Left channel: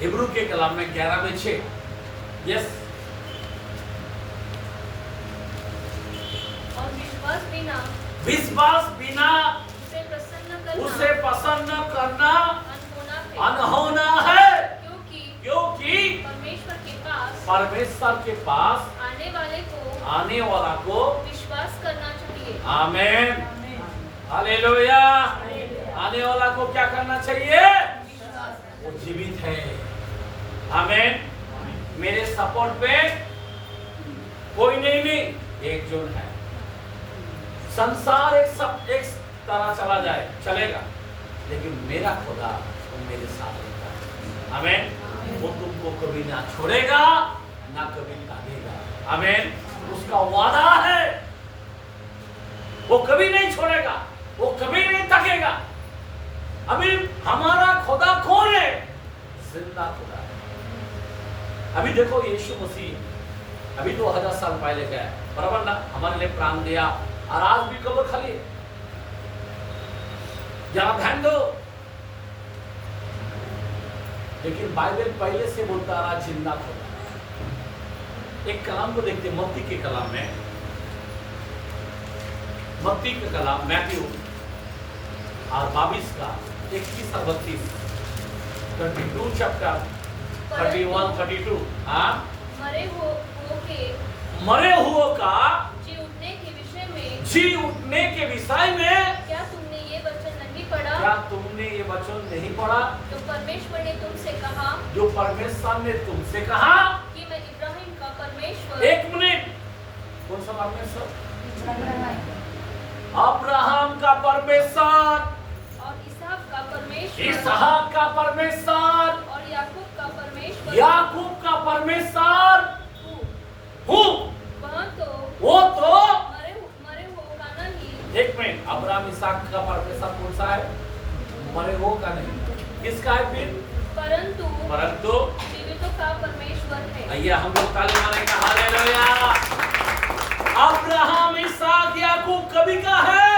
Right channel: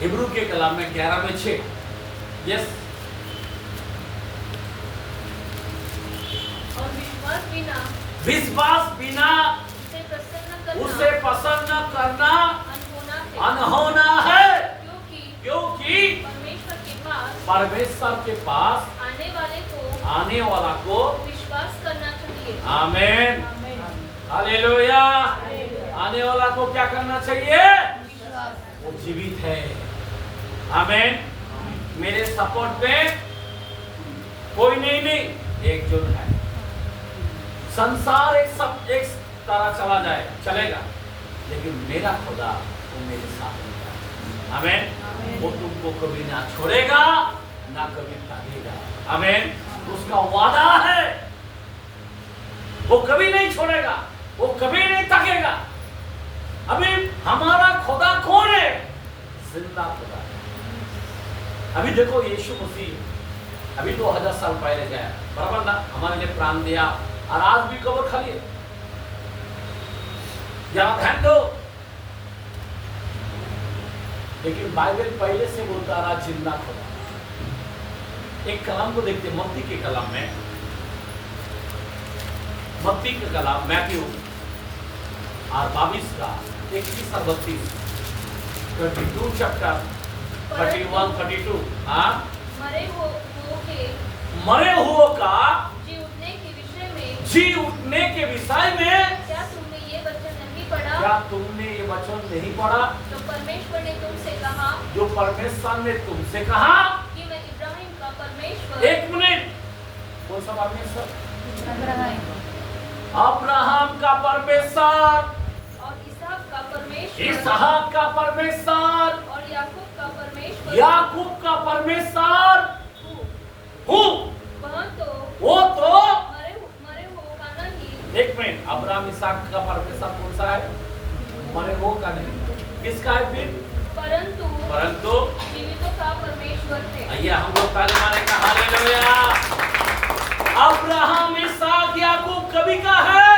Hebrew के कलाम में 11 में 6। यस। और विश्वास बिना उसे पसंद करना अनहोना है, क्योंकि परमेश्वर के पास आने वाला को विश्वास करना चाहिए। आमीन, हालेलुया। आने वाला को क्या करना चाहिए? वो जीवित है। आमीन। मेरे सपोर्ट पे कोई नहीं, एक जन है। संसार एक तरह चला जाए चलेगा, लेकिन मेरा खुदा वो मेरे साथ रहता है। आमीन। वो तुमको कभी ना छोड़ेगा ना कभी त्यागेगा। आमीन। उसका वादा है, वो कभी नहीं छोड़ेगा, वो कभी नहीं थकेगा। अभी हमारा खुदा कौन है? जिंदा खुदा है। अभी देखो यीशु मसीह अभी 2000 साल पहले गया, बराबर ना, हमारे लिए प्राण दिया और आज भी कब्र खाली है। जहां ध्यान दो, लेकिन बाइबल पहले से बोलता रहा जिंदा खुदा। एक कलाम को देखते, मत्ती के कलाम में, मत्ती का कलाम मैथ्यू और 22 का 21 और 32, 32 चैप्टर 31 32। हाँ, मरे हुओं का जी उठने के विषय में क्या तुमने ये वचन नहीं पढ़ा? क्या तुमने ये वचन नहीं पढ़ा? तो परमेश्वर ने तुमसे कहा, जो परमेश्वर ने तुमसे कहा कि मैं इब्राहिम का परमेश्वर। एक मिनट, कौन सा परमेश्वर? अब्राहम का परमेश्वर और इसहाक का परमेश्वर और याकूब का परमेश्वर हूँ। वो तो मरे हुओं का नहीं। एक मिनट, अब्राहम इसहाक का परमेश्वर कौन सा है? मरे हुओं का नहीं, किसका है फिर? परंतु जीवितों का परमेश्वर है। आइए हम लोग ताली मारेंगे, हालेलुया। अब्राहम इसहाक याकूब कभी का है?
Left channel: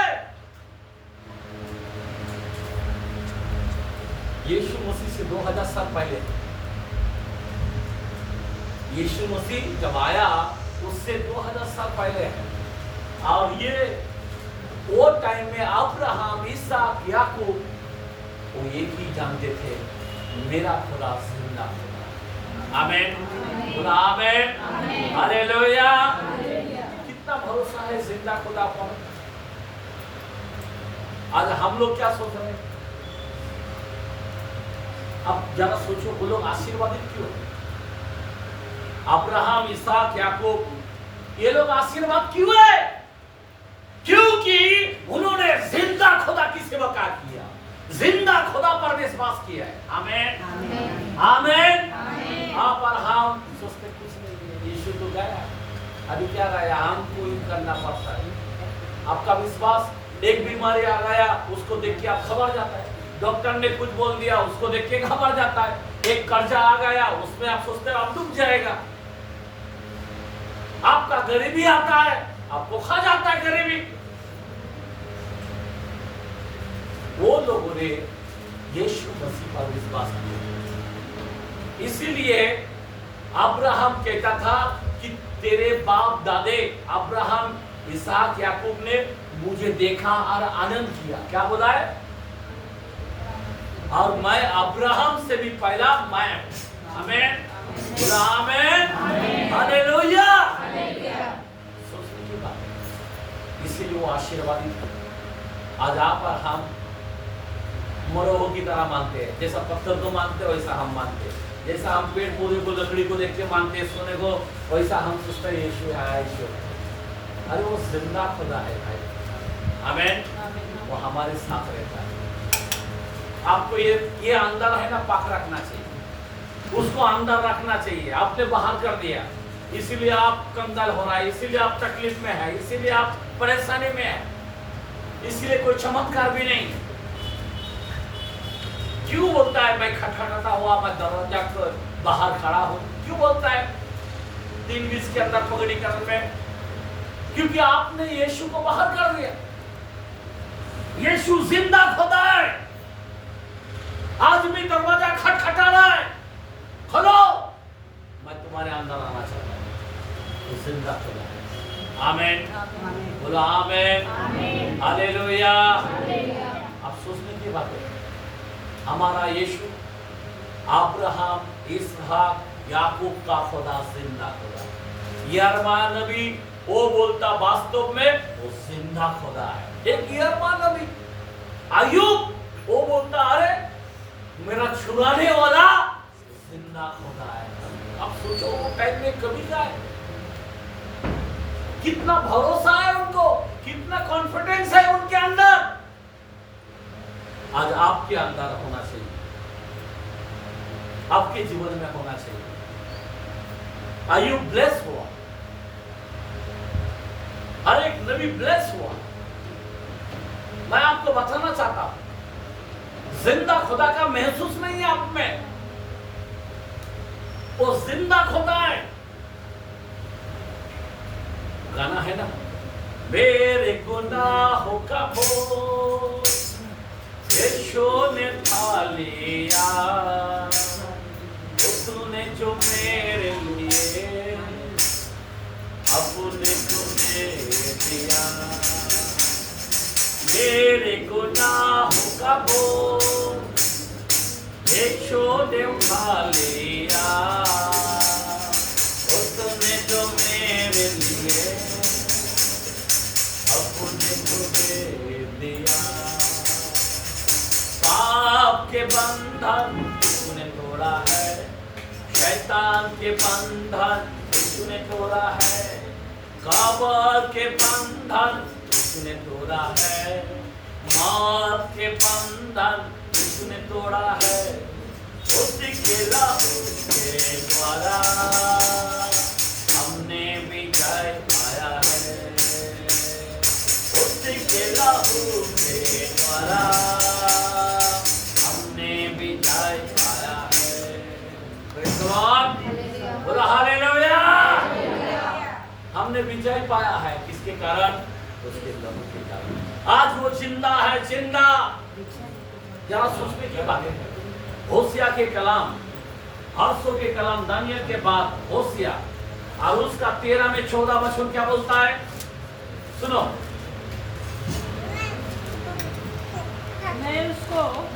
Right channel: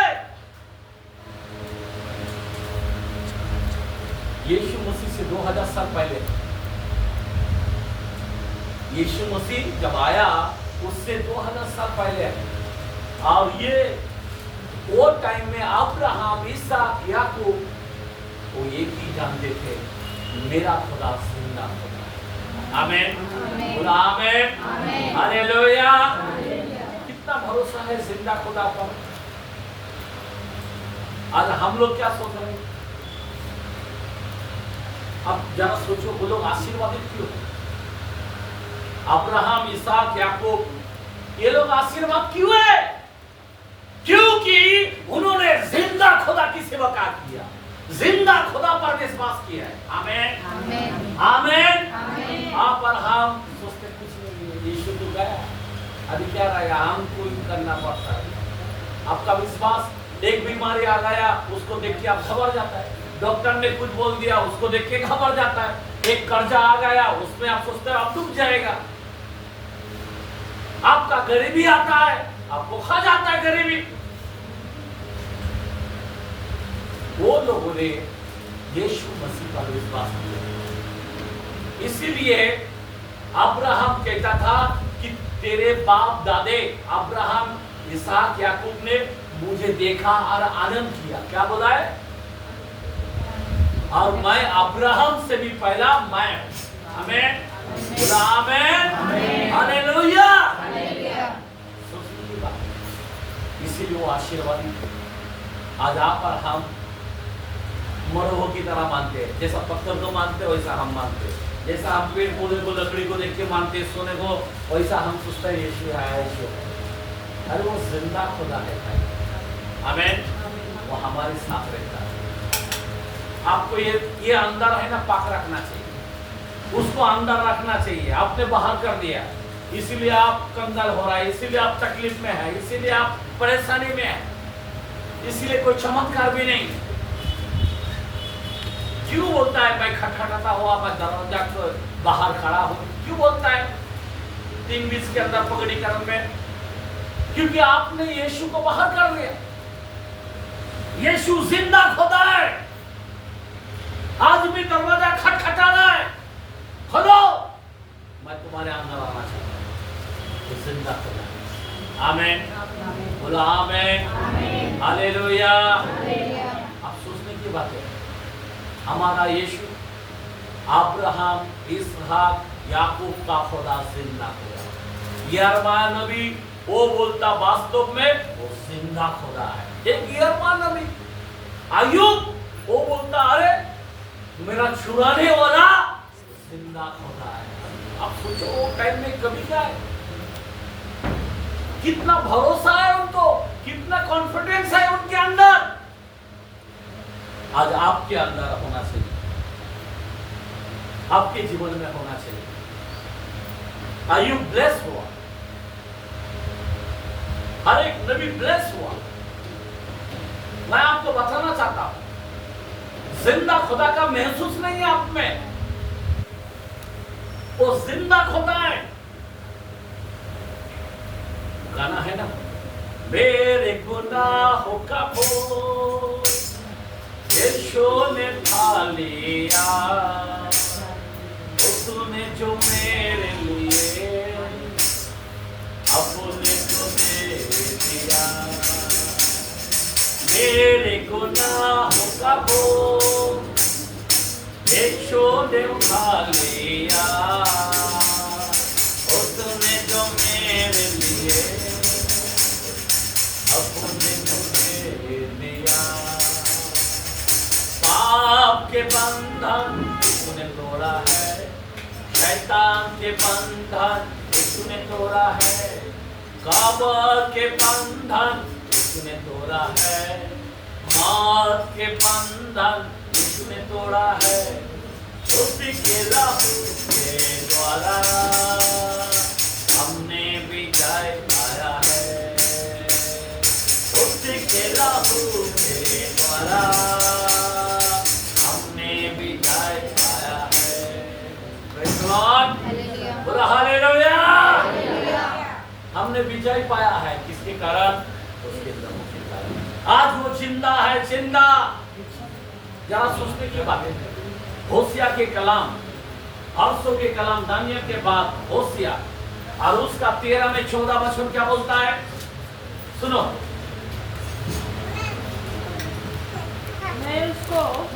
यीशु मसीह से 2000 साल पहले। यीशु मसीह जब आया उससे 2000 साल पहले है। और ये वो टाइम में अब्राहम इसहाक याकूब वो एक ही जानते थे, मेरा खुदा जिंदा खुदा। आमीन, बोला आमीन, हालेलुया। कितना भरोसा है जिंदा खुदा पर। आज हम लोग क्या सोच रहे हैं? अब जरा सोचो, वो लोग आशीर्वादित क्यों है? अब्राहम इसहाक याकूब ये लोग आशीर्वाद क्यों है? क्योंकि उन्होंने जिंदा खुदा की सेवा किया, जिंदा खुदा पर विश्वास किया है। आमीन, आमीन। आप और हम सोचते कुछ नहीं, यीशु तो गया, अभी क्या रहा, हमको ही करना पड़ता है। आपका विश्वास, एक बीमारी आ गया उसको देख के आप खबर जाता है, डॉक्टर ने कुछ बोल दिया उसको देख के खबर जाता है, एक कर्जा आ गया उसमें आप सोचते हैं आप डूब जाएगा, आपका गरीबी आता है आपको खा जाता है गरीबी। वो लोगों ने यीशु मसीह पर विश्वास किया, इसीलिए अब्राहम कहता था कि तेरे बाप दादे अब्राहम इसहाक याकूब ने मुझे देखा और आनंद किया। क्या बोला है? और मैं अब्राहम से भी पहला मैं। आमीन, बोला आमीन, हालेलुया। सोचने की बात है, इसीलिए वो आशीर्वादित है। आज आप और हम मरोह की तरह मानते हैं, जैसा पत्थर को मानते हैं वैसा हम मानते हैं, जैसा हम पेड़ पौधे को लकड़ी को देख के मानते हैं, सोने को, वैसा हम सोचते हैं यीशु आया, यीशु। अरे वो जिंदा खुदा है भाई। आमीन, वो हमारे साथ रहता है। आपको ये अंदर है ना, पाक रखना चाहिए, उसको अंदर रखना चाहिए। आपने बाहर कर दिया, इसीलिए आप कंगाल हो रहा है, इसीलिए आप तकलीफ में है, इसीलिए आप परेशानी में है, इसीलिए कोई चमत्कार भी नहीं। क्यों बोलता है मैं खटखटाता हुआ मैं दरवाजा को बाहर खड़ा हूं? क्यों बोलता है 3:20 के अंदर पगड़ीकरण में? क्योंकि आपने यीशु को बाहर कर दिया। यीशु जिंदा खुदा है, आज भी दरवाजा खटखटा रहा है। आमेन, बोला आमेन, हालेलुया। अब सोचने की बात है, हमारा यीशु अब्राहम, इसहाक, याकूब का खुदा जिंदा खुदा। यिर्मयाह नबी वो बोलता वास्तव में वो जिंदा खुदा है। एक यिर्मयाह नबी, अय्यूब वो बोलता अरे मेरा छुड़ाने वाला जिंदा खुदा है। अब सोचो वो टाइम में कभी क्या है, कितना भरोसा है उनको, कितना कॉन्फिडेंस है उनके अंदर। आज आपके अंदर होना चाहिए, आपके जीवन में होना चाहिए। अय्यूब ब्लेस हुआ, हर एक नबी ब्लेस हुआ। मैं आपको बताना चाहता हूं, जिंदा खुदा का महसूस नहीं है आप में, वो जिंदा खुदा है। गाना है ना, मेरे गुनाहों का बोझ यीशु ने उठा लिया, उसने जो मेरे लिए अपने को दे दिया। मेरे गुनाहों का बोझ यीशु ने उठा लिया, उसने जो मेरे लिए अपने को दे दिया। पाप के बंधन उसने तोड़ा है, शैतान के बंधन उसने तोड़ा है, कब्र के बंधन उसने तोड़ा है, मौत के बंधन उसने तोड़ा है। उसी के लहू के द्वारा हमने विजय पाया है, उसी के लहू के द्वारा हमने विजय पाया है। प्रेज़ द लॉर्ड, बोलो हालेलुया। हमने विजय पाया है, किसके कारण? उसके लहू के कारण। आज वो जिंदा है, जिंदा। जरा सोचने की बात है, होशिया के कलाम, हर्षों के कलाम, दानियल के बाद होशिया, और उसका 13 में 14 वचन क्या बोलता है? सुनो,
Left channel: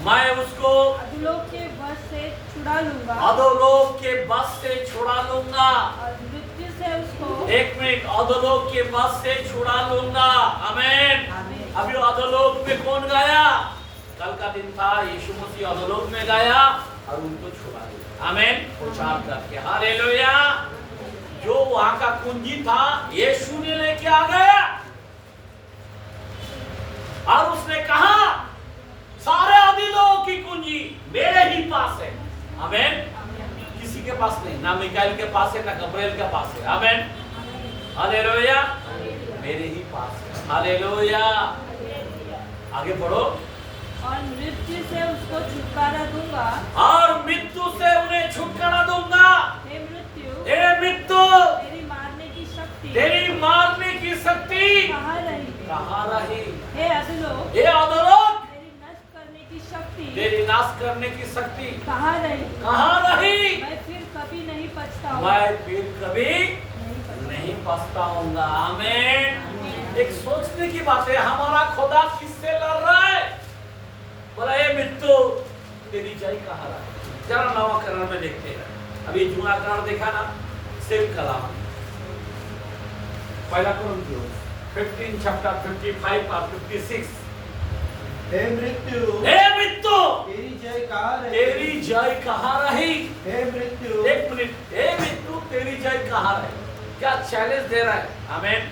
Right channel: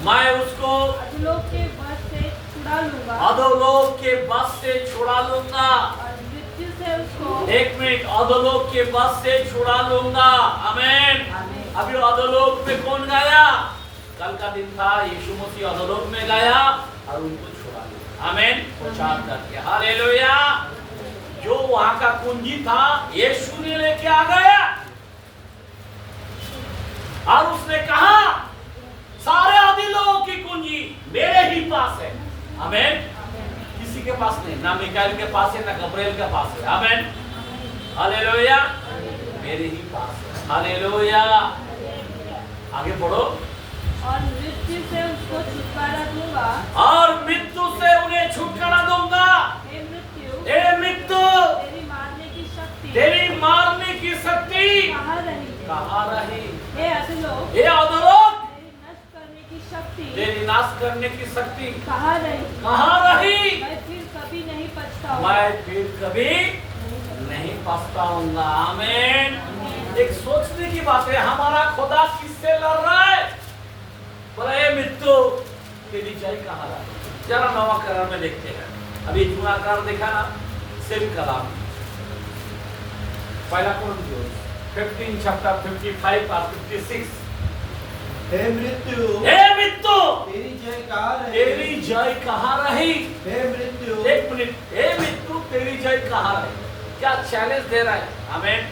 मैं उसको अधोलोक के बस से छुड़ा लूंगा, अधोलोक के बस से छुड़ा लूंगा। और मृत्यु से उसको, एक मिनट, अधोलोक के बस से छुड़ा लूंगा। आमीन। अभी अधोलोक में कौन गया? कल का दिन था, यीशु मसीह अधोलोक में गया और उनको छुड़ा लिया। आमीन। प्रचार करके हालेलुया। जो वहां का कुंजी था यीशु ने लेके आ गया, और उसने कहा सारे अधोलोक की कुंजी मेरे ही पास है। आमीन। किसी के पास नहीं, ना मिकाएल के पास है, ना गब्रिएल के पास है। आमीन। हालेलुया। मेरे ही पास है। हालेलुया। आगे पढ़ो। और मृत्यु से उसको छुटकारा दूंगा, और मृत्यु से उन्हें छुटकारा दूंगा। हे मृत्यु, हे मृत्यु, तेरी मारने की शक्ति, तेरी मारने की शक्ति कहाँ रही? कहाँ रही? हे अधोलोक, हे अधोलोक, तेरी नष्ट करने की शक्ति, तेरी नाश करने की शक्ति कहाँ रही? कहाँ रही? मैं फिर कभी नहीं पछताऊंगा, मैं फिर कभी नहीं पछताऊंगा। आमीन। एक सोचने की बात है, हमारा खुदा किससे लड़ रहा है? बोला ये मृत्यु तेरी जय कहाँ रही? जरा नवाकरण में देखते हैं। अभी जूनाकरण देखा ना, सेम कलाम, पहला कुरिन्थियों 15 चैप्टर 55 और 56। हे मृत्यु, हे मृत्यु, तेरी जय कहाँ रही? तेरी जय कहाँ रही? हे मृत्यु, एक मिनट, हे मृत्यु तेरी जय कहाँ रही? क्या चैलेंज दे रहा है? आमीन।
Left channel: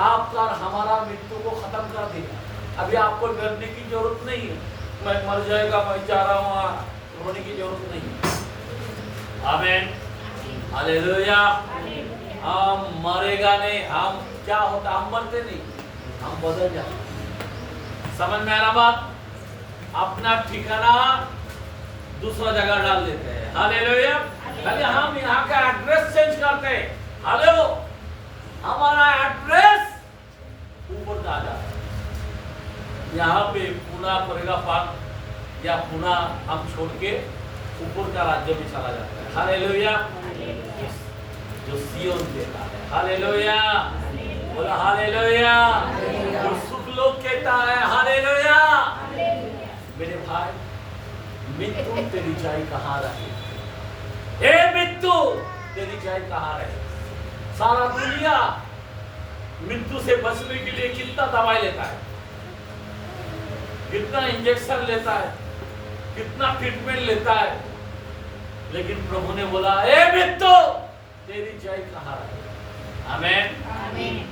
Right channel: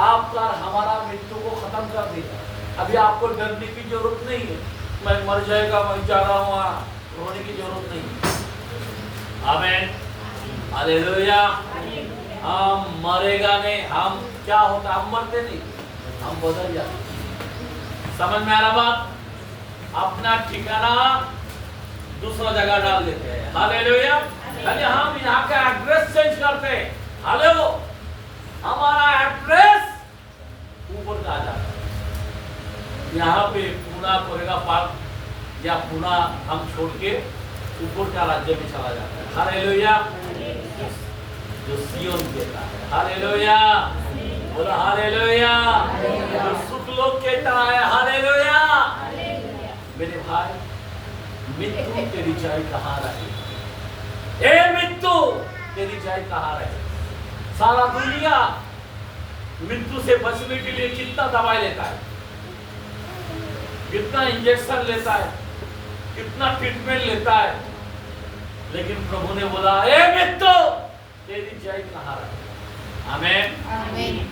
आपका हमारा मृत्यु को खत्म कर देगा। अभी आपको डरने की जरूरत नहीं है, मैं मर जाएगा, मैं जा रहा हूँ वहाँ, रोने की जरूरत नहीं है। आमीन। हालेलुया। हम मरेगा नहीं, हम क्या होता, हम मरते नहीं, हम बदल जाते। समझ में आ रहा बात? अपना ठिकाना दूसरा जगह डाल देते हैं। हालेलुया। पहले हम यहाँ का एड्रेस चेंज करते हैं। हेलो, हमारा एड्रेस ऊपर का आ जाता है। यहाँ पे पुणे कोरेगा पार्क या पुणे हम छोड़ के ऊपर का राज्य में चला जाता है। हालेलुया। जो सियोन देता है। हालेलुया। बोला हालेलुया। जो सुख लोग के तरह है, हालेलुया। मेरे भाई, मृत्यु तेरी जय कहाँ रही? ए मृत्यु तेरी जय कहाँ रही? सारा दुनिया मृत्यु से बचने के लिए कितना दवाई लेता है, कितना इंजेक्शन लेता है, कितना ट्रीटमेंट लेता है, लेकिन प्रभु ने बोला ए मृत्यु तेरी जय कहाँ रही? आमेन।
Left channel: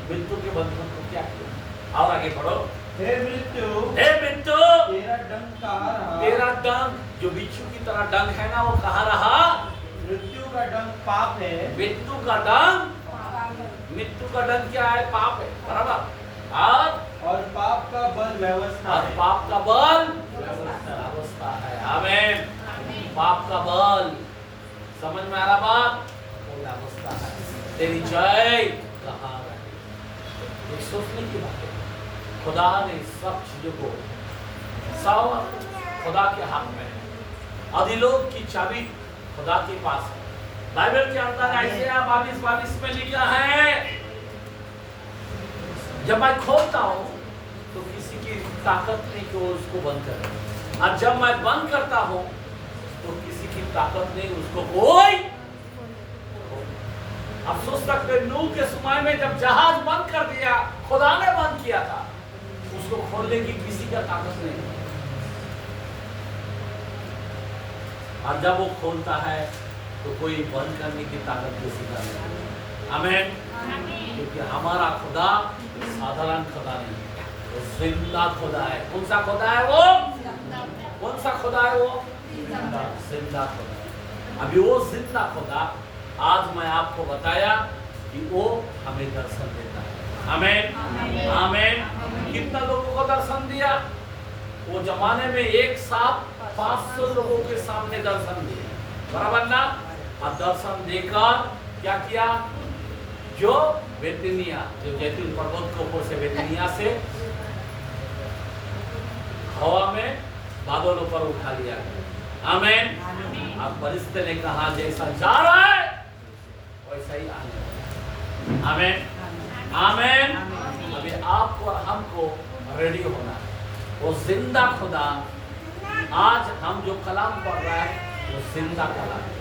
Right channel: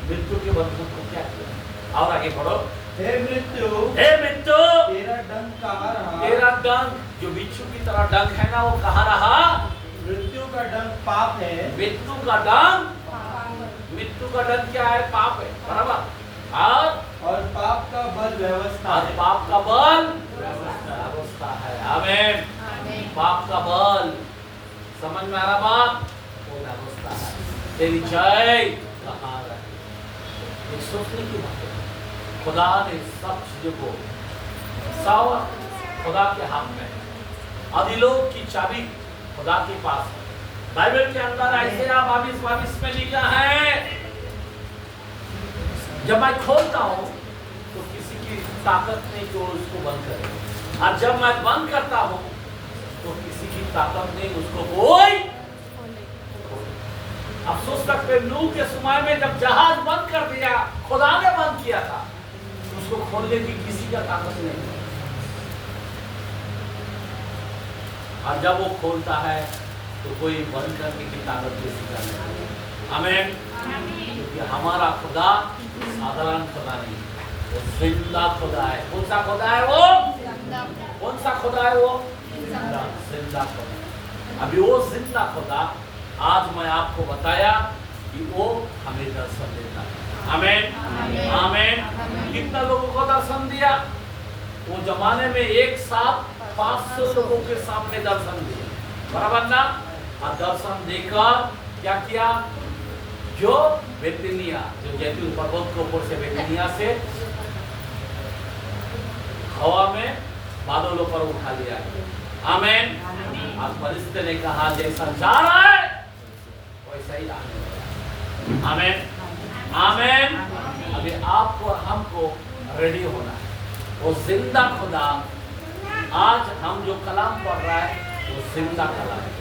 मृत्यु के बंधन को क्या किया? और आगे बढ़ो। हे मृत्यु, हे मृत्यु तेरा डंक कहाँ रहा? तेरा डंक जो बिच्छू की तरह डंक है ना, वो कहाँ रहा? मृत्यु का डंक पाप है। मृत्यु का डंक क्या है? पाप है, बराबर। और पाप का बल व्यवस्था है। पाप का बल व्यवस्था है। आमेन। पाप का बल, समझ में आ रहा बाप? वो व्यवस्था है। तेरी जय कहाँ रही? ये सोचने की बात है। खुदा ने सब चीजों को सब खुदा के हाथ में है। अधिलोक की चाबी खुदा के पास है। बाइबल के अंदर ऐसे 22 में लिखा है, जब मैं खोलता हूं तो किसी की ताकत नहीं जो उसको बंद करे, और जब मैं बंद करता हूं तो किसी की ताकत नहीं उसको कोई। आप सोच सकते हैं, नूह के समय में जब जहाज बंद कर दिया, खुदा ने बंद किया था, उसको खोलने की किसी का ताकत नहीं। और जब वो खोलता है तो कोई बंद करने की ताकत किसी का नहीं। आमेन। क्योंकि हमारा खुदा साधारण खुदा नहीं, वो जिंदा खुदा है। कौन सा खुदा है वो? कौन सा खुदा है वो? जिंदा खुदा। अभी वो जिंदा खुदा आज मैं आपको बताया कि वो हमें दर्शन देता है। आमेन। आमेन। कितना लोगों को दर्शन दिया? वो जमाने में एक साथ 500 लोगों के सामने दर्शन दिया, बराबर ना? और दर्शन देकर क्या किया? जो बेतनिया, जो जैतून पर्वत के ऊपर से बेतनिया से हवा में बादलों पर उठा लिया। आमेन। आज परिस्थिति ने कहा जैसा जा रहा है वैसा ही आने। आमेन। आमेन। अभी आपको और हमको रेडी होना है। वो जिंदा खुदा आज हम जो कलाम पढ़ रहा है वो जिंदा कलाम है।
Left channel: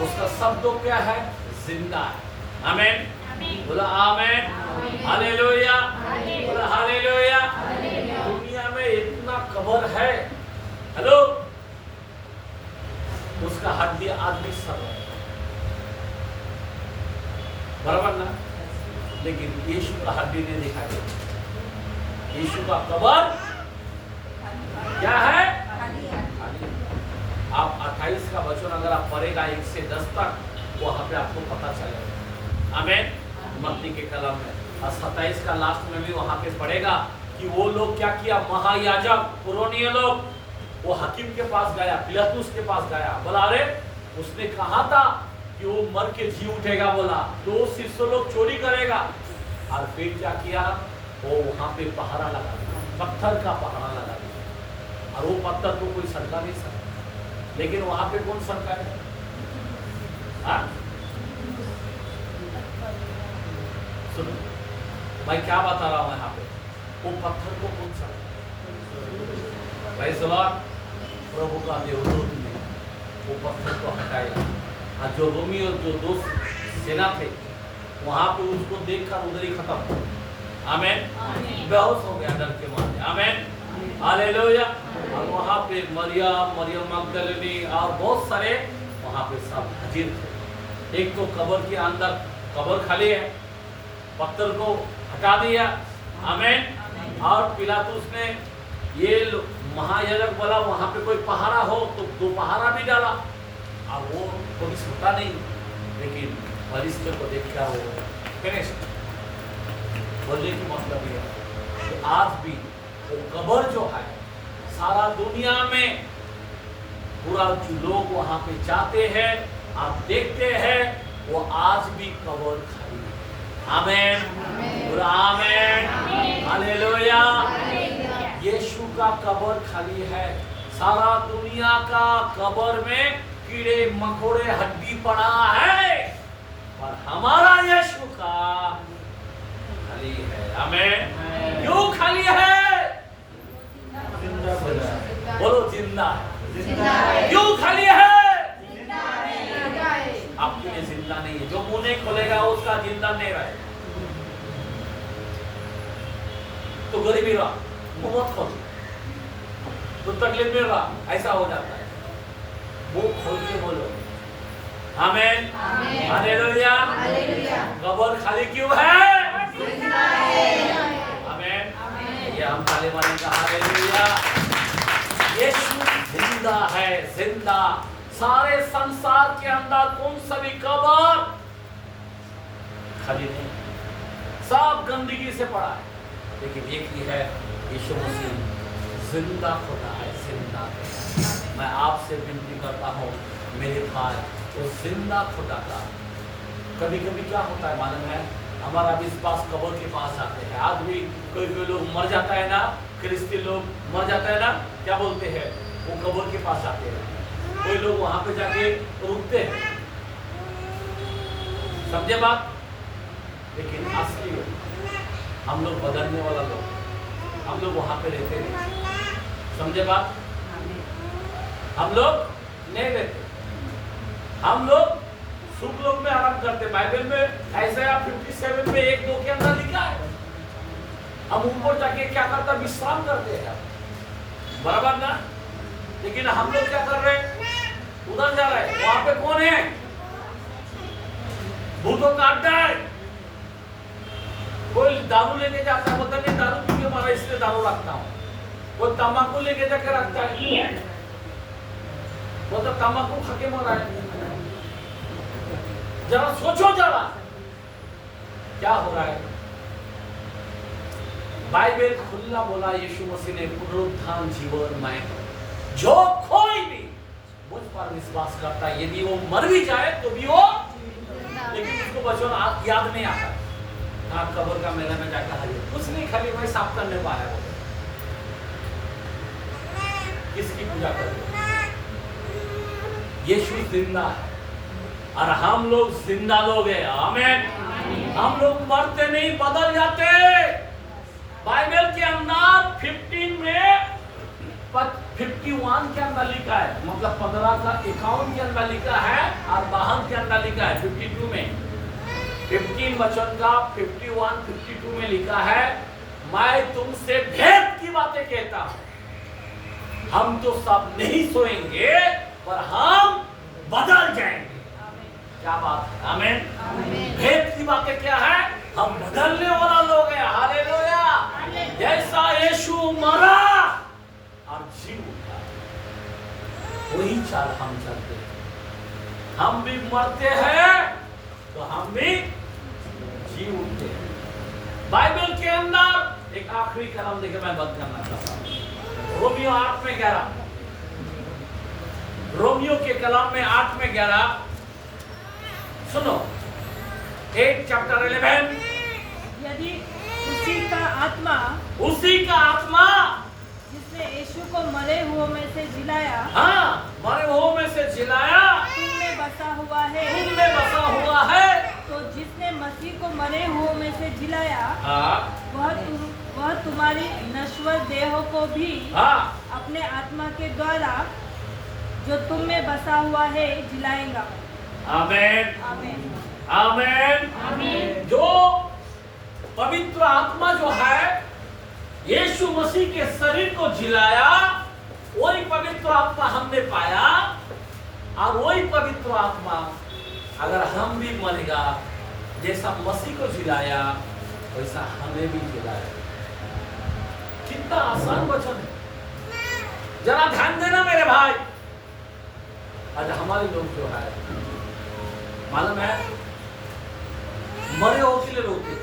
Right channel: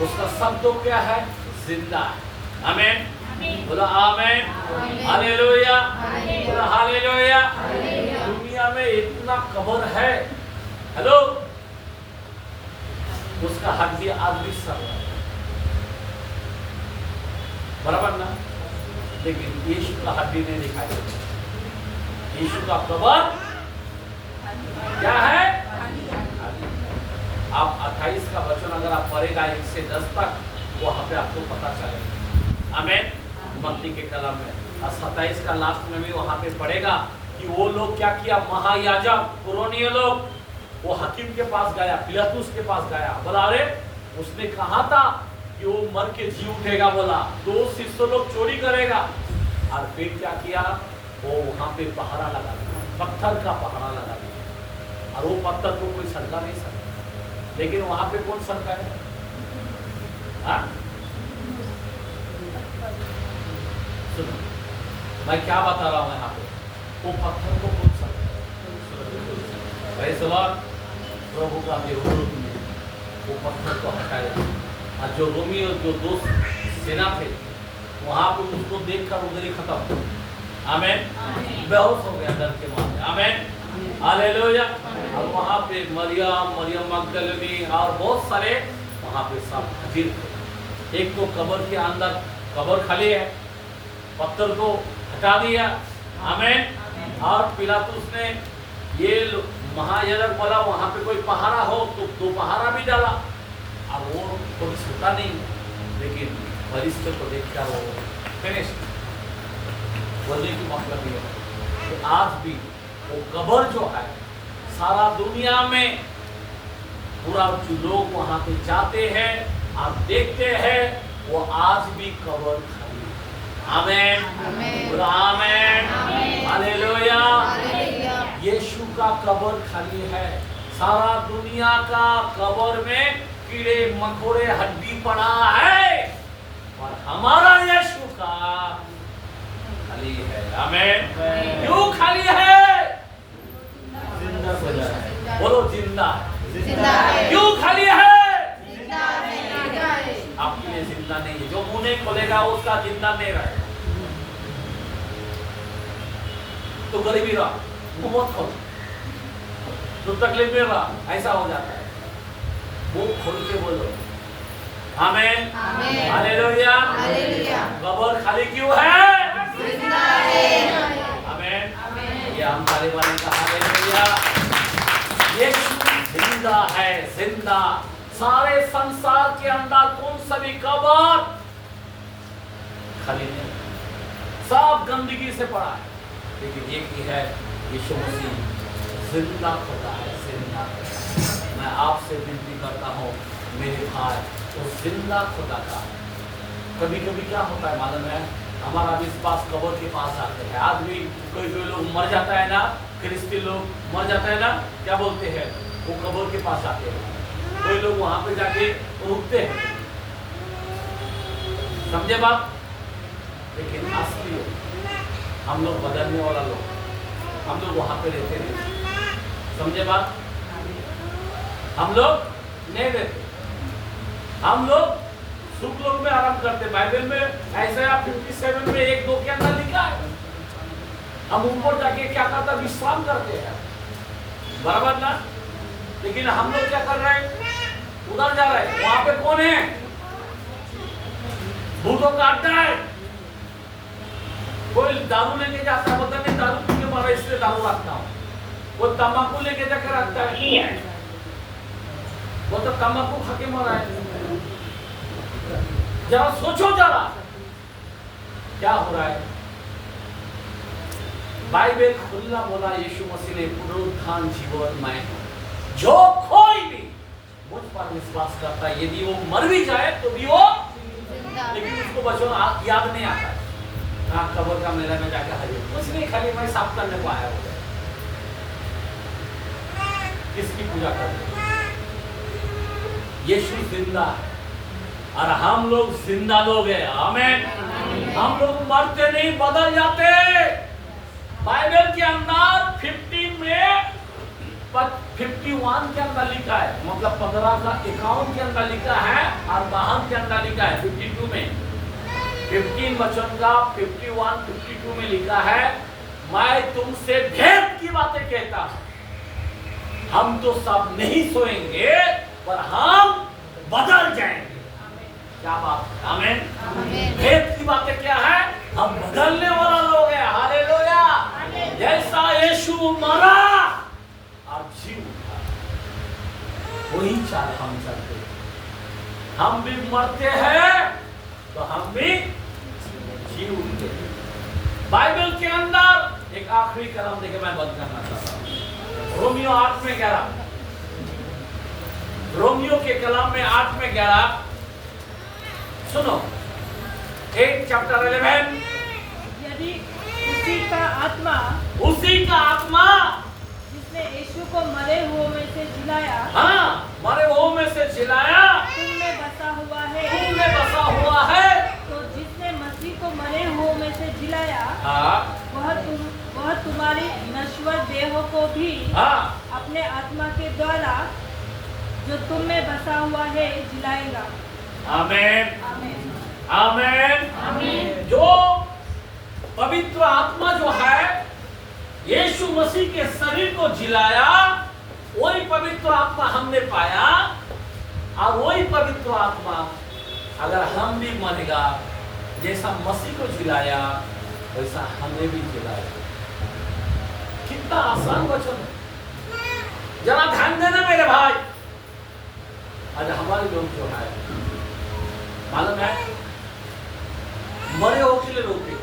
उसका शब्द क्या है? जिंदा है। आमेन। बोला आमेन। हालेलुया। बोला हालेलुया। दुनिया में इतना कबर है, हेलो, उसका हड्डी आज भी सर है, बराबर ना? लेकिन यीशु का हड्डी नहीं दिखाई देता। यीशु का कबर क्या है? आप 28 का वचन अगर आप पढ़ेगा 1 से 10 तक, वहां पे आपको पता चलेगा। आमेन। मत्ती के कलम में 27 का लास्ट में भी वहां पे पढ़ेगा कि वो लोग क्या किया? महायाजक पुरोनिय लोग, वो हकीम के पास गया, पिलातुस के पास गया, बोला अरे उसने कहा था कि वो मर के जी उठेगा, बोला 2 शिष्य लोग चोरी करेगा। और फिर क्या किया? वो वहां पे पहरा लगा दिया, पत्थर का पहरा लगा दिया, और वो पत्थर को कोई सरका नहीं सकता। लेकिन वहां पे कौन सरका है? सुनो, मैं क्या बता रहा हूं यहाँ पे, वो पत्थर को कौन सरका? प्रभु का देवदूत ने वो पत्थर को हटाया, और जो रोमी और जो दोस्त सेना थे वहां पे उसको देखकर उधर ही खत्म। आमेन। बेहोश हो गया डर के मारे। आमेन। हालेलुया। और वहां पे मरियम मगदलिनी और बहुत सारे वहां पे सब हाजिर थे। एक तो कब्र के अंदर, कब्र खाली है, पत्थर को हटा दिया। आमेन। और पिलातुस ने ये महायाजक बोला वहां पे कोई पहाड़ा हो तो 2 पहाड़ा भी डाला, और वो कोई सोता नहीं, लेकिन परिस्थिति को देखकर वो फिनिश। बोलने की मतलब ये है कि आज भी वो कब्र जो है, सारा दुनिया में पूरा जो लोग वहां पे जाते हैं, आप देखते हैं, वो आज भी कब्र खाली है। आमेन। पूरा आमेन। हालेलुया। यीशु का कब्र खाली है। सारा दुनिया का कब्र में कीड़े मकोड़े हड्डी पड़ा है, और हमारा यीशु का खाली है। आमेन। आमेन। क्यों खाली है? जिंदा है। बोलो जिंदा है। जिंदा है। क्यों खाली है? जिंदा है। आपके लिए जिंदा नहीं है। जो मुंह नहीं खोलेगा उसका जिंदा नहीं रहेगा। तो गरीबी रहा, तो बहुत खोल, तो तकलीफ में रहा, ऐसा हो जाता है। मुंह खोल के बोलो आमेन। हालेलुया। कब्र खाली क्यों है? आमेन। ये हम ताली मारेंगे। हालेलुया। यीशु जिंदा है, जिंदा। सारे संसार के अंदर कौन सा भी कब्र खाली नहीं, सब गंदगी से पड़ा है, लेकिन एक ही है, यीशु मसीह जिंदा खुदा है, जिंदा। मैं आपसे विनती करता हूँ मेरे भाई, तो जिंदा खुदा का कभी कभी क्या होता है मालूम है, हमारा विश्वास कब्र के पास आते हैं। आज भी कोई लोग मर जाता है ना, क्रिश्चियन लोग मर जाता है ना, क्या बोलते हैं, वो कब्र के पास आते हैं। कोई लोग वहां पे जाके रुकते हैं, समझे बात? लेकिन असली हम लोग बदलने वाला लोग, हम लोग वहां पे रहते नहीं, समझे बात? हम लोग नहीं रहते, हम लोग सुख लोग में आराम करते। बाइबल में ऐसा 57 में 1-2 के अंदर लिखा है, हम ऊपर जाके क्या करता, विश्राम करते हैं, बराबर ना? लेकिन हम लोग क्या कर रहे हैं, उधर जा रहे हैं। वहां पे कौन है? भूतों का अड्डा है। कोई दारू लेके जाता है, बोलता नहीं दारू पी के मारा इसलिए दारू रखता हूं। कोई तंबाकू लेके जाके रखता है, बोलता तंबाकू खा के मारा है। जरा सोचो, जरा क्या हो रहा है। बाइबल खुला बोला, यीशु मसीह ने पुनरुत्थान जीवन मैं हूं, जो कोई भी मुझ पर विश्वास करता है, यदि वो मर भी जाए तो भी वो, लेकिन उसको बचपन याद नहीं आता है। हाँ, कब्र का मेला में जाकर हरी कुछ नहीं, खाली मैं साफ करने को आया बोले, किसकी पूजा कर रहे? यीशु जिंदा है और हम लोग जिंदा लोग हैं। आमेन। हम लोग मरते नहीं, बदल जाते। बाइबल के अंदर 15 में 51 के अंदर लिखा है, मतलब 15 का 51 के अंदर लिखा है और 52 के अंदर लिखा है 52 में। 15 वचन का 51, 52 में लिखा है, मैं तुमसे भेद की बातें कहता हूं, हम तो सब नहीं सोएंगे पर हम बदल जाएंगे। क्या बात है? आमीन। भेद की बातें क्या है? हम बदलने वाला लोग हैं। हालेलुया। जैसा यीशु मरा और जी उठा, वही चाल हम चलते हैं। हम भी मरते हैं तो हम भी जी उठते हैं। बाइबल के अंदर एक आखिरी कलम देके मैं बंद करना चाहता हूं। रोमियो 8 में 11, रोमियो के कलम में 8 में 11 सुनो। 8 चैप्टर 11, यदि उसी का आत्मा जिसने यीशु को मरे हुओं में से जिलाया, हाँ, मरे हुओं में से जिलाया, तुम में बसा हुआ है, तुम में बसा हुआ है, तो जिसने मसीह को मरे हुओं में से जिलाया, हाँ, वह तुम्हारी नश्वर देहों को भी हाँ, अपने आत्मा के द्वारा जो तुम में बसा हुआ है जिलाएगा। आमीन। आमीन। आमीन। आमीन। जो पवित्र आत्मा जो है यीशु मसीह के शरीर को जिलाया, वही पवित्र आत्मा हमने पाया, और वही पवित्र आत्मा अगर हम भी मरेगा, जैसा मसीह को जिलाया वैसा हमें भी जिलाएगा। कितना आसान वचन है, जरा ध्यान देना मेरे भाई। आज हमारे लोग जो है मालूम है, मरे हो के लिए रोते,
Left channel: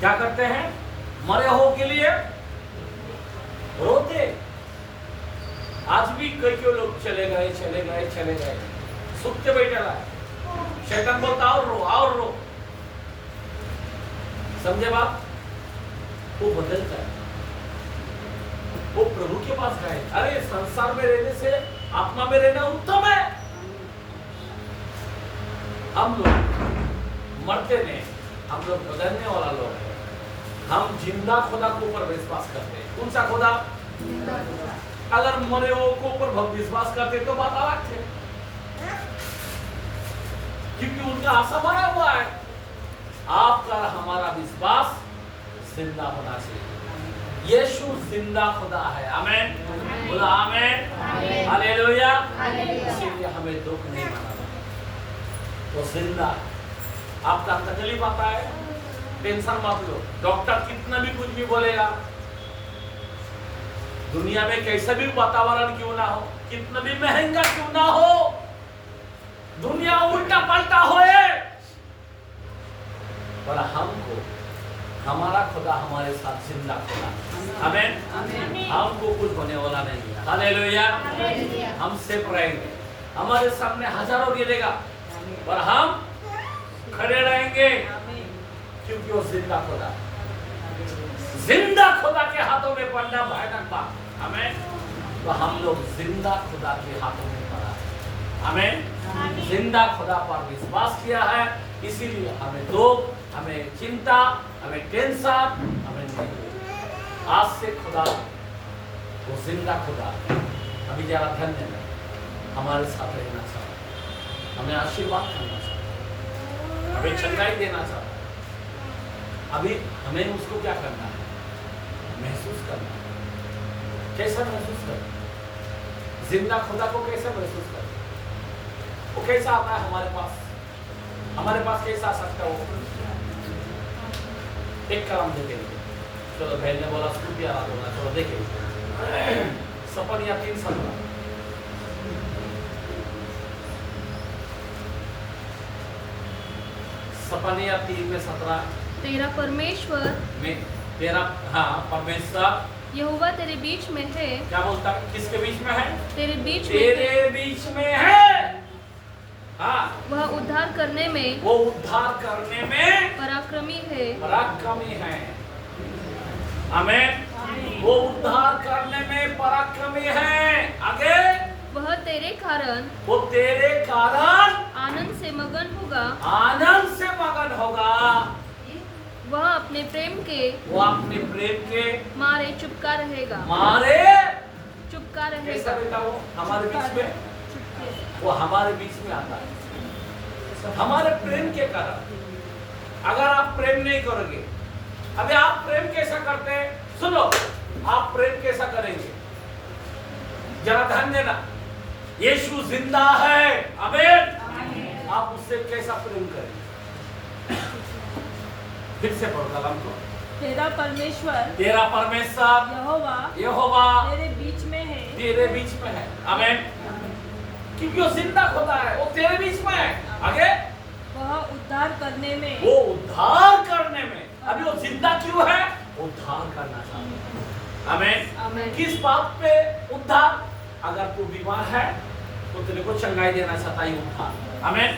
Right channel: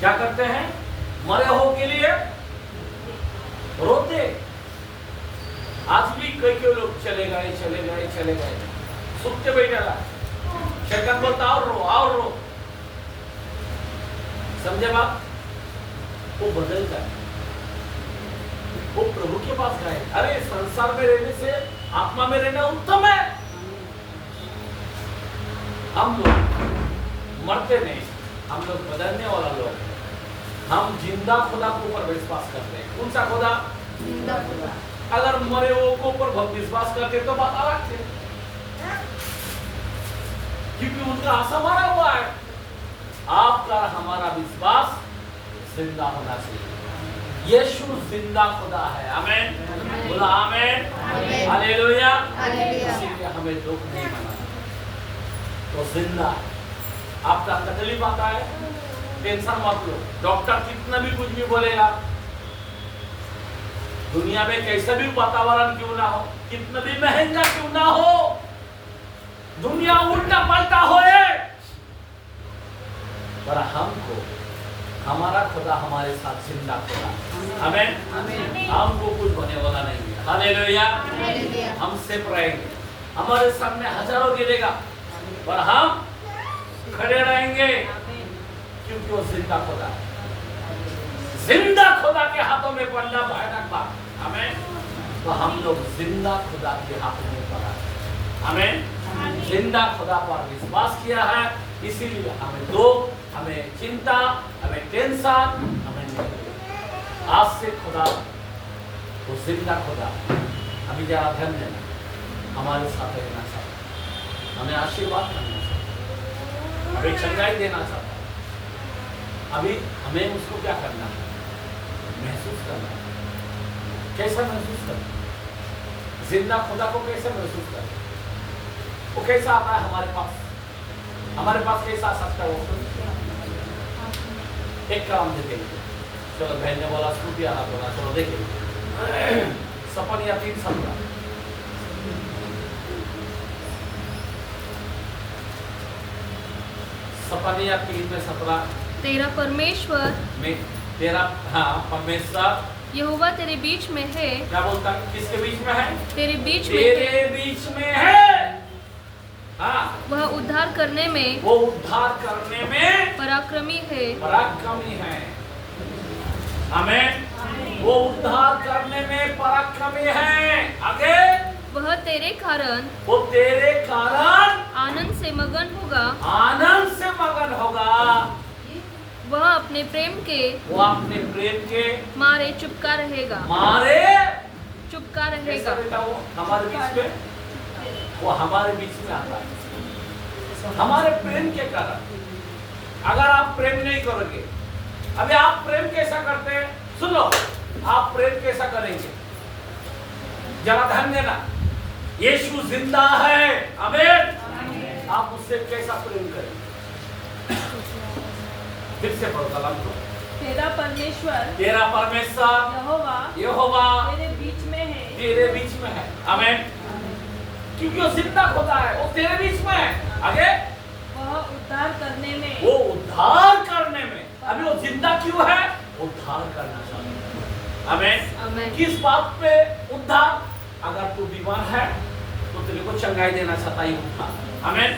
क्या करते हैं? मरे हो के लिए रोते। आज भी कई लोग चले गए, सुखते बैठे रहा, शैतान बोलता और रो, समझे बात? वो बदलता है, वो प्रभु के पास गए। अरे संसार में रहने से आत्मा में रहना उत्तम है। हम लोग मरते नहीं, हम लोग बदलने वाला लोग हैं। हम जिंदा खुदा के ऊपर विश्वास करते हैं। कौन सा खुदा? अगर मरे वो को ऊपर विश्वास करते तो बात अलग थी, क्योंकि उनका आशा मारा हुआ है। आपका हमारा विश्वास जिंदा होना चाहिए। यीशु जिंदा खुदा है। आमीन, बोला आमीन, हालेलुया। इसीलिए हमें दुख नहीं मनाना, वो जिंदा है। आपका तकलीफ आता है, टेंशन मत लो। डॉक्टर कितना भी कुछ भी बोलेगा, दुनिया में कैसा भी वातावरण क्यों ना हो, कितना भी महंगा क्यों ना हो, दुनिया उल्टा पलटा होए, पर हमको हमारा खुदा हमारे साथ जिंदा खुदा। आमीन, हमको कुछ होने वाला नहीं है। हालेलुया। हम सेफ रहेंगे। हमारे सामने हजारों गिरेगा, पर हम खड़े रहेंगे, क्योंकि वो जिंदा खुदा है। जिंदा खुदा के हाथों में पड़ना भयानक बात। आमीन। तो हम लोग जिंदा खुदा के हाथों में पड़ा है। आमीन। जिंदा खुदा पर विश्वास किया है, इसीलिए हमें दुख, हमें चिंता, हमें टेंशन, हमें नहीं। आज से खुदा, वो जिंदा खुदा अभी जरा धन्य है, हमारे साथ रहना चाहता है, हमें आशीर्वाद करना चाहता है, हमें चंगाई देना चाहता है। अभी हमें उसको क्या करना है? महसूस करना है। कैसा महसूस करें? जिंदा खुदा को कैसे महसूस करें? वो कैसा आता है हमारे पास? हमारे पास कैसा आ सकता है वो? एक काम देखेंगे। चलो बहन ने बोला स्कूटी आ बोला, चलो देखेंगे। सपनिया 3:17। सपनिया 3:17। तेरा परमेश्वर में तेरा, हाँ, परमेश्वर यहोवा तेरे बीच में है। क्या बोलता है? किसके बीच में है? तेरे बीच में, तेरे बीच में है। हाँ, वह उद्धार करने में, वो उद्धार करने में पराक्रमी है। पराक्रमी है। आमीन। वो उद्धार करने में पराक्रमी है। आगे, वह तेरे कारण, वो तेरे कारण आनंद से मगन होगा। आनंद से मगन होगा। वह अपने प्रेम के, वो अपने प्रेम के मारे चुपका रहेगा। मारे चुपका कैसा रहेगा। बेटा? वो हमारे बीच में, वो हमारे बीच में आता है हमारे प्रेम के कारण। अगर आप प्रेम नहीं करोगे, अभी आप प्रेम कैसा करते हैं? सुन लो, आप प्रेम कैसा करेंगे? जरा ध्यान देना। यीशु जिंदा है। आमीन। आप उससे कैसा प्रेम करें? फिर से पढ़ो कलम को। तेरा परमेश्वर यहोवा तेरे बीच में है। तेरे बीच में है। आमीन। क्योंकि वो जिंदा खुदा है, वो तेरे बीच में है। आगे, वह उद्धार करने में, वो उद्धार करने में। अभी वो जिंदा क्यों है? उद्धार करना चाहता है। आमीन। आमीन। किस बात पे उद्धार? अगर तू बीमार है तो तेरे को चंगाई देना चाहता है उद्धार। आमीन,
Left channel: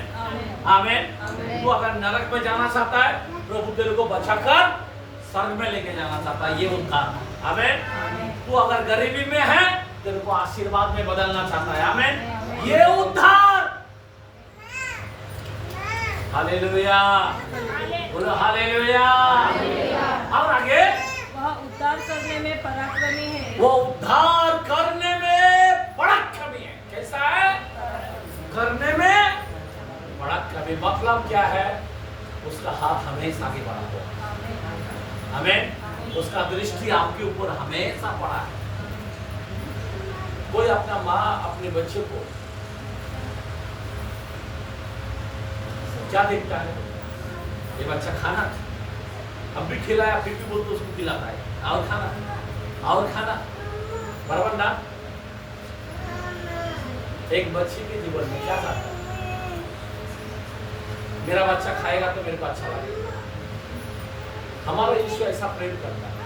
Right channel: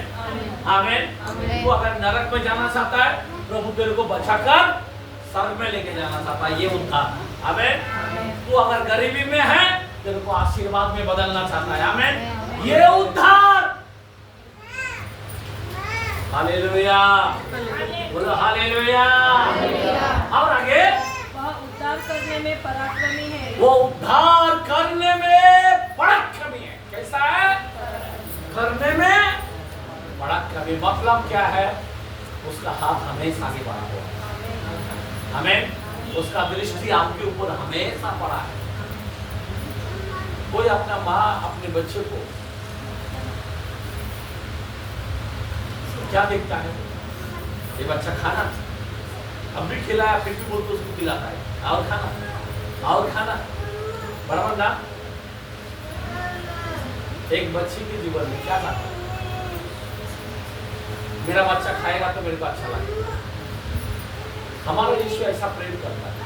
आमीन। तू अगर नरक में जाना चाहता है, प्रभु तेरे को बचाकर स्वर्ग में लेके जाना चाहता है, ये उद्धार। आमीन। तू अगर गरीबी में है, तेरे को आशीर्वाद में बदलना चाहता है। आमीन, ये उद्धार। हालेलुया, बोलो हालेलुया। और आगे, वह उद्धार करने में पराक्रमी है। वो उद्धार करने में पराक्रमी है। कैसा है? करने में पराक्रमी। मतलब क्या है? उसका हाथ हमेशा आगे बढ़ा हुआ। हमें उसका दृष्टि आपके ऊपर हमेशा पड़ा है। कोई अपना माँ अपने बच्चे को क्या देखता है? ये बच्चा खाना अब भी खिलाया, फिर भी बोलते उसको खिलाता है, और खाना, और खाना, बराबर ना? एक बच्चे के जीवन में क्या था? मेरा बच्चा खाएगा तो मेरे को अच्छा लगेगा। हमारा यीशु ऐसा प्रेम करता है।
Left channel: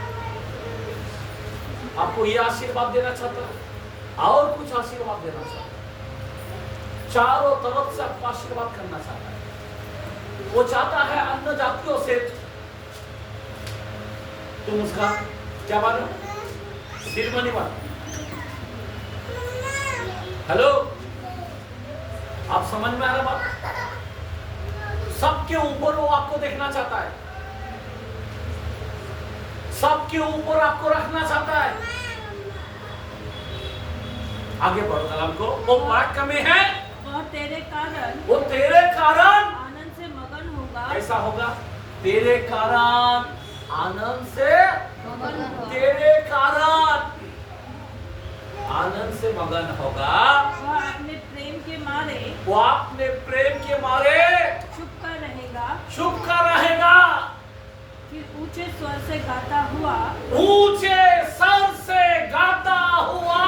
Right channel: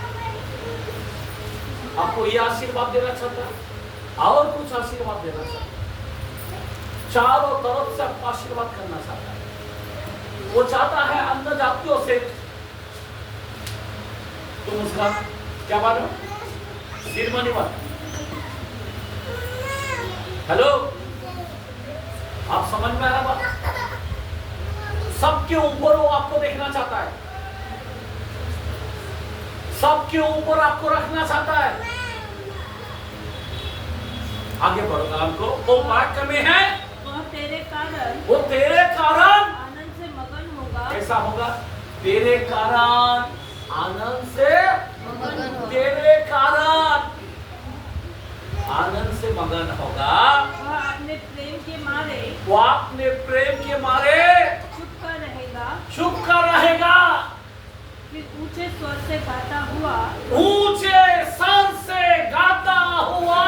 आपको ये आशीर्वाद देना चाहता है और कुछ आशीर्वाद देना चाहता है। चारों तरफ से आपको आशीर्वाद करना चाहता है। वो चाहता है अन्य जातियों से तुम उसका क्या मानो? सिरमनी बनो। हेलो, आप समझ में आ रहा बात? सबके ऊपर वो आपको देखना चाहता है, सबके ऊपर आपको रखना चाहता है। आगे बढ़ो कलाम को। वो वाक्य में है वह तेरे कारण वो तेरे कारण आनंद से मगन होगा। कैसा होगा? तेरे कारण आनंद से, मगन होगा। तेरे कारण आनंद से मगन होगा। वह अपने प्रेम के मारे वो अपने प्रेम के मारे चुप कर रहेगा। चुप कर रहेगा। फिर ऊंचे स्वर से गाता हुआ ऊंचे स्वर से गाता हुआ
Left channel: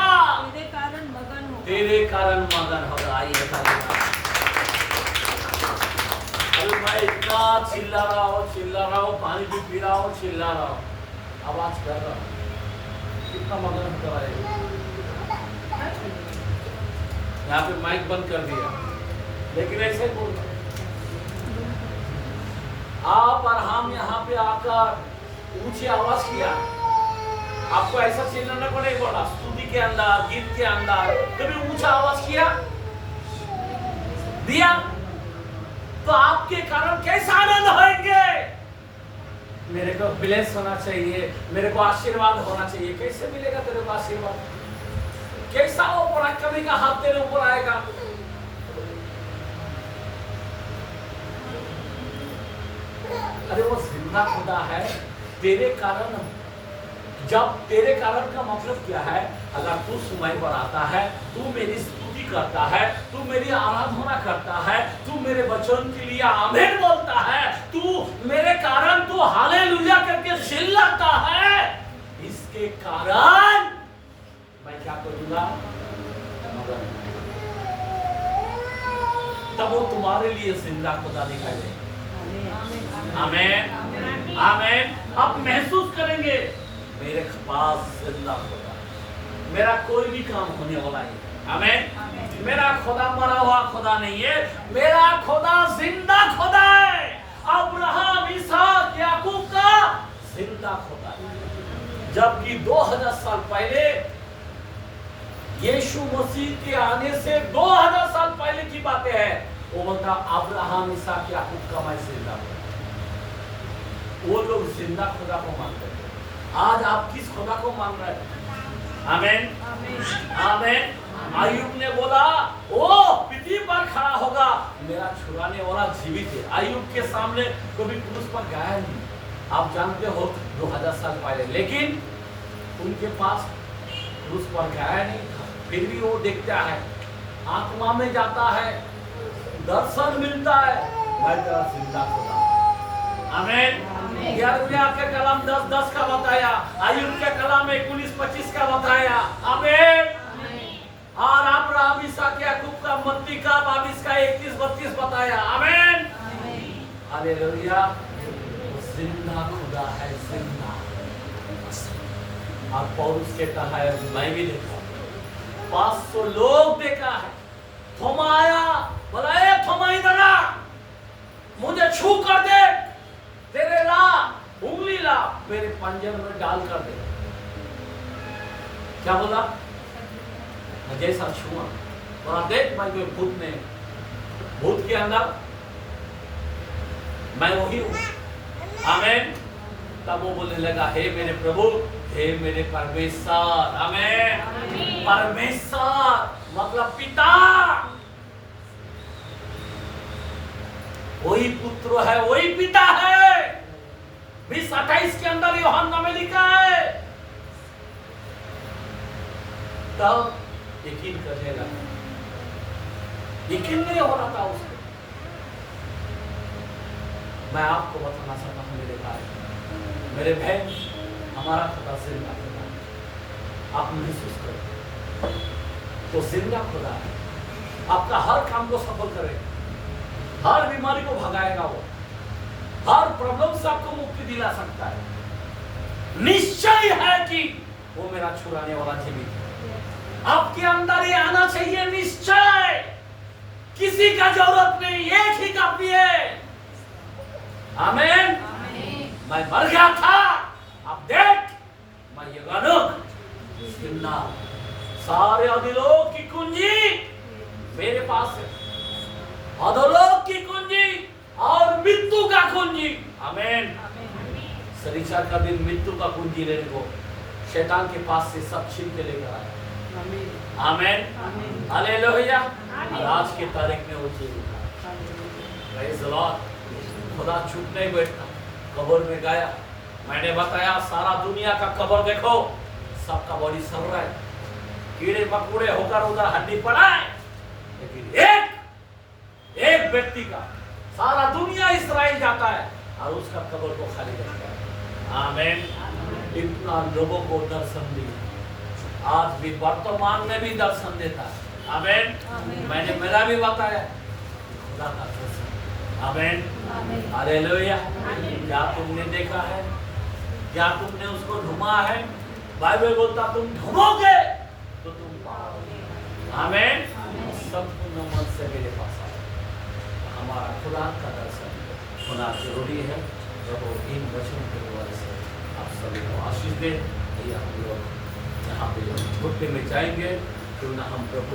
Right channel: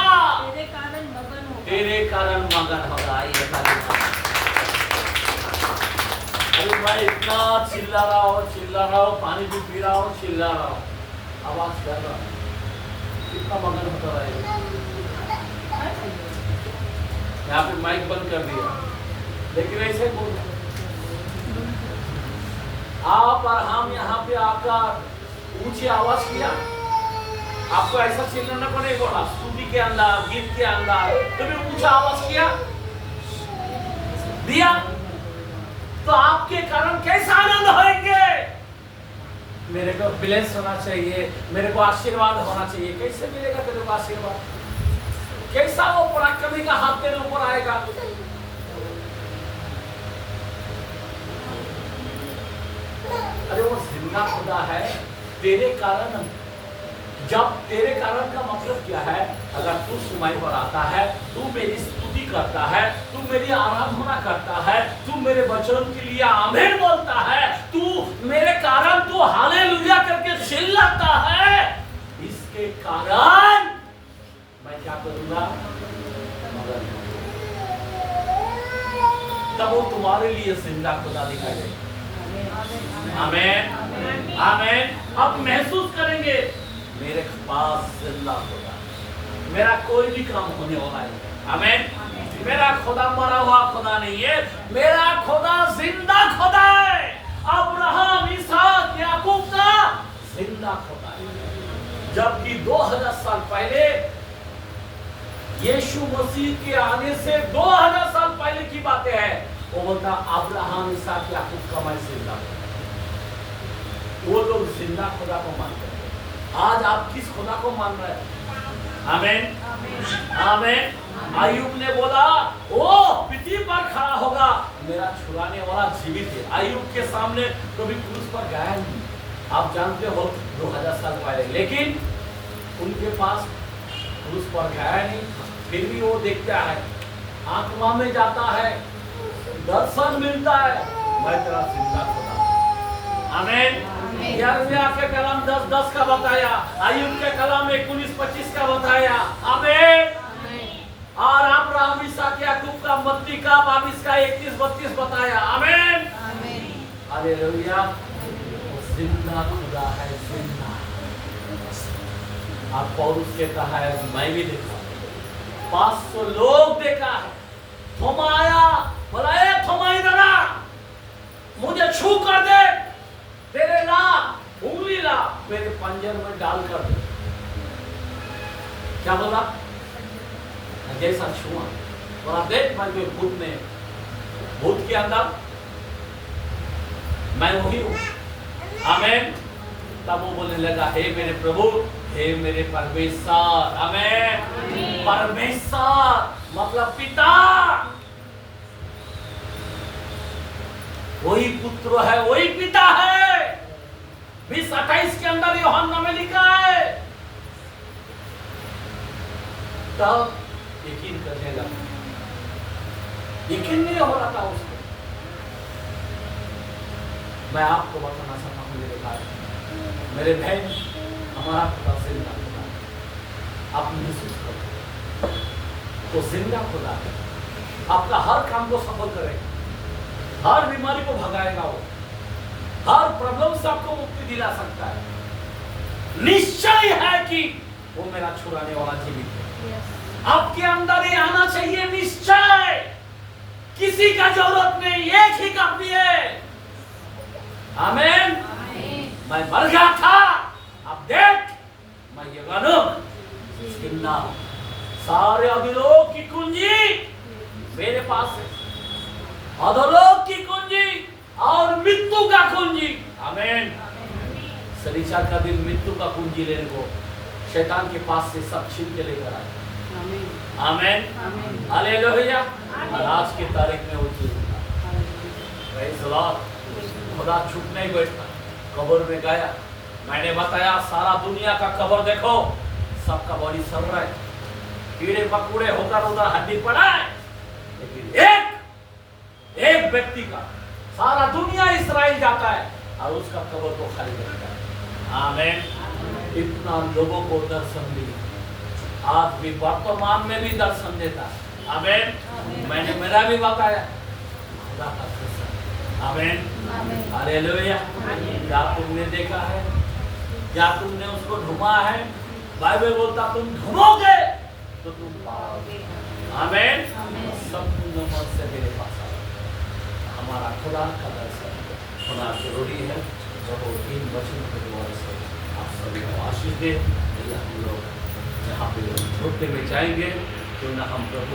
तेरे कारण मगन होगा। तेरे कारण मगन होगा। ये अरे भाई इतना चिल्ला रहा हो, पानी भी पी रहा हो, चिल्ला रहा हो, आवाज कर रहा हो, कितना मगन होता रहेगा। यहाँ पे माइक बंद कर दिया, लेकिन ऐसे ही बोल रहा। आप और हम यहाँ पे आकर ऊंची आवाज किया, आपको ऐसा चिल्लाने को नहीं बोला। स्तुति के अंदर, गीत के अंदर कभी ऊंचा आवाज किया दिया तो आपके कारण कैसा आनंद होंगे? मेरे को ब्लेस होना चाहिए, मेरे को आशीर्वाद होना चाहिए। कैसे मिलेगा तेरे को आशीर्वाद? कैसा वो पराक्रमी का हाथ तेरे ऊपर आएगा? अरे वो जिंदा खुदा है तेरे कारण। जब तेरे कारण का मतलब क्या है? अगर तू सुनाई पर आता है, तू मेरी स्तुति करता है, तू मेरी आराधना करता है, तू मेरे वचन के लिए आमीन बोलता है, तू मेरे कारण तू हालेलुया करके चिल्लाता है, इसके कारण मैं क्या करूंगा? तब वो तुम्हारे लिए जिंदा खुदा दिखाई देगा। आमीन आमीन। आप महसूस करेंगे मेरे पास जिंदा खुदा, मेरा कोई भी काम होने वाला है। आमीन। मेरा खुदा मरा हुआ खुदा नहीं है, मेरा खुदा जिंदा खुदा है। अब्राहम, इसहाक, याकूब का जिंदा खुदा है। जबकि 2000 साल पहले, यीशु मसीह के आने से 2000 साल पहले की बातें हैं। वो बोलता अब्राहम, इसहाक, याकूब का मैं जिंदा खुदा। वो लोग जिंदा खुदा को मानते थे। आज आप किस खुदा को मान रहे हैं? आमीन आमीन। आयुब ने बोला ओ पिटी पर खड़ा होगा, मेरा छुड़ाने वाला जीवित है। आयुब के सामने कभी क्रूस पर गया नहीं, आप जानते हो 2000 साल पहले, लेकिन उनके पास क्रूस पर गया नहीं, फिर भी वो देखता है, आत्मा में जाता है, दर्शन मिलता है, मैं तेरा जिंदा खुदा। आमीन। यिर्मयाह के कलाम 10:10 का बताया, आयुब के कलाम 19:25 का बताया। आमीन। और अब्राहम, इसहाक, याकूब का मत्ती का 22 का 31-32 बताया। आमीन। हालेलुया। वो जिंदा खुदा है, जिंदा। और पौलुस के कहा है, मैं भी देखा, 500 लोग देखा है। थोमा आया, बोला ए थोमा इधर आ, मुझे छू कर दे, तेरे ला उंगली ला, मेरे पंजर में डाल कर दे। क्या बोला? जैसा छुआ, बोला देख मैं कोई भूत नहीं, भूत के अंदर मैं वही हूं। आमीन। तब वो बोलने लगा, हे मेरे प्रभु, हे मेरे परमेश्वर। आमीन। परमेश्वर मतलब पिता, वही पुत्र है, वही पिता है। 20:28 के अंदर यूहन्ना में लिखा है। तब यकीन करने लगा, यकीन नहीं हो रहा था उसको। मैं आपको बताना चाहता हूं मेरे भाई, मेरे बहन, हमारा खुदा जिंदा खुदा है। आप महसूस करो, वो जिंदा खुदा है, आपका हर काम को सफल करेगा, हर बीमारी को भगाएगा, वो हर प्रॉब्लम से आपको मुक्ति दिला सकता है। निश्चय है कि वो मेरा छुड़ाने वाला जीवित है। आपके अंदर ये आना चाहिए निश्चय, किसी का जरूरत नहीं, एक ही काफी है। आमीन। मैं मर गया था, अब देख मैं ये गिनना, सारे अधोलोक की कुंजी मेरे पास है, अधोलोक की कुंजी और मृत्यु का कुंजी। आमीन। शनिचर का दिन मृत्यु का कुंजी लेने को शैतान के पास से सब छीन के लेकर आया। आमीन। हालेलुया। और आज के तारीख में वो चीज था। Praise the Lord. खुदा चुप नहीं बैठता, कब्र में गया। मैंने बताया सारा दुनिया का कब्र देखो, सबका बॉडी सड़ रहा है, कीड़े मकोड़े होकर उधर हड्डी पड़ा है, लेकिन एक व्यक्ति का सारा दुनिया इस्राएल जाता है और उसका कब्र को खाली करता है। आमीन। इतना लोगों को दर्शन दिया, आज भी वर्तमान में भी दर्शन देता है। आमीन। मैंने मेरा भी बताया खुदा का दर्शन। आमीन। हालेलुया। क्या तुमने देखा है, क्या तुमने उसको ढूंढा है? बाइबल बोलता तुम ढूंढोगे तो तुम पाओगे। आमीन। संपूर्ण मन से मेरे पास आओ। हमारा खुदा का दर्शन होना जरूरी है। प्रभु इन वचनों के द्वारा से आप सभी को आशीष दे। हम लोग यहाँ पे होते में जाएंगे, क्यों ना हम प्रभु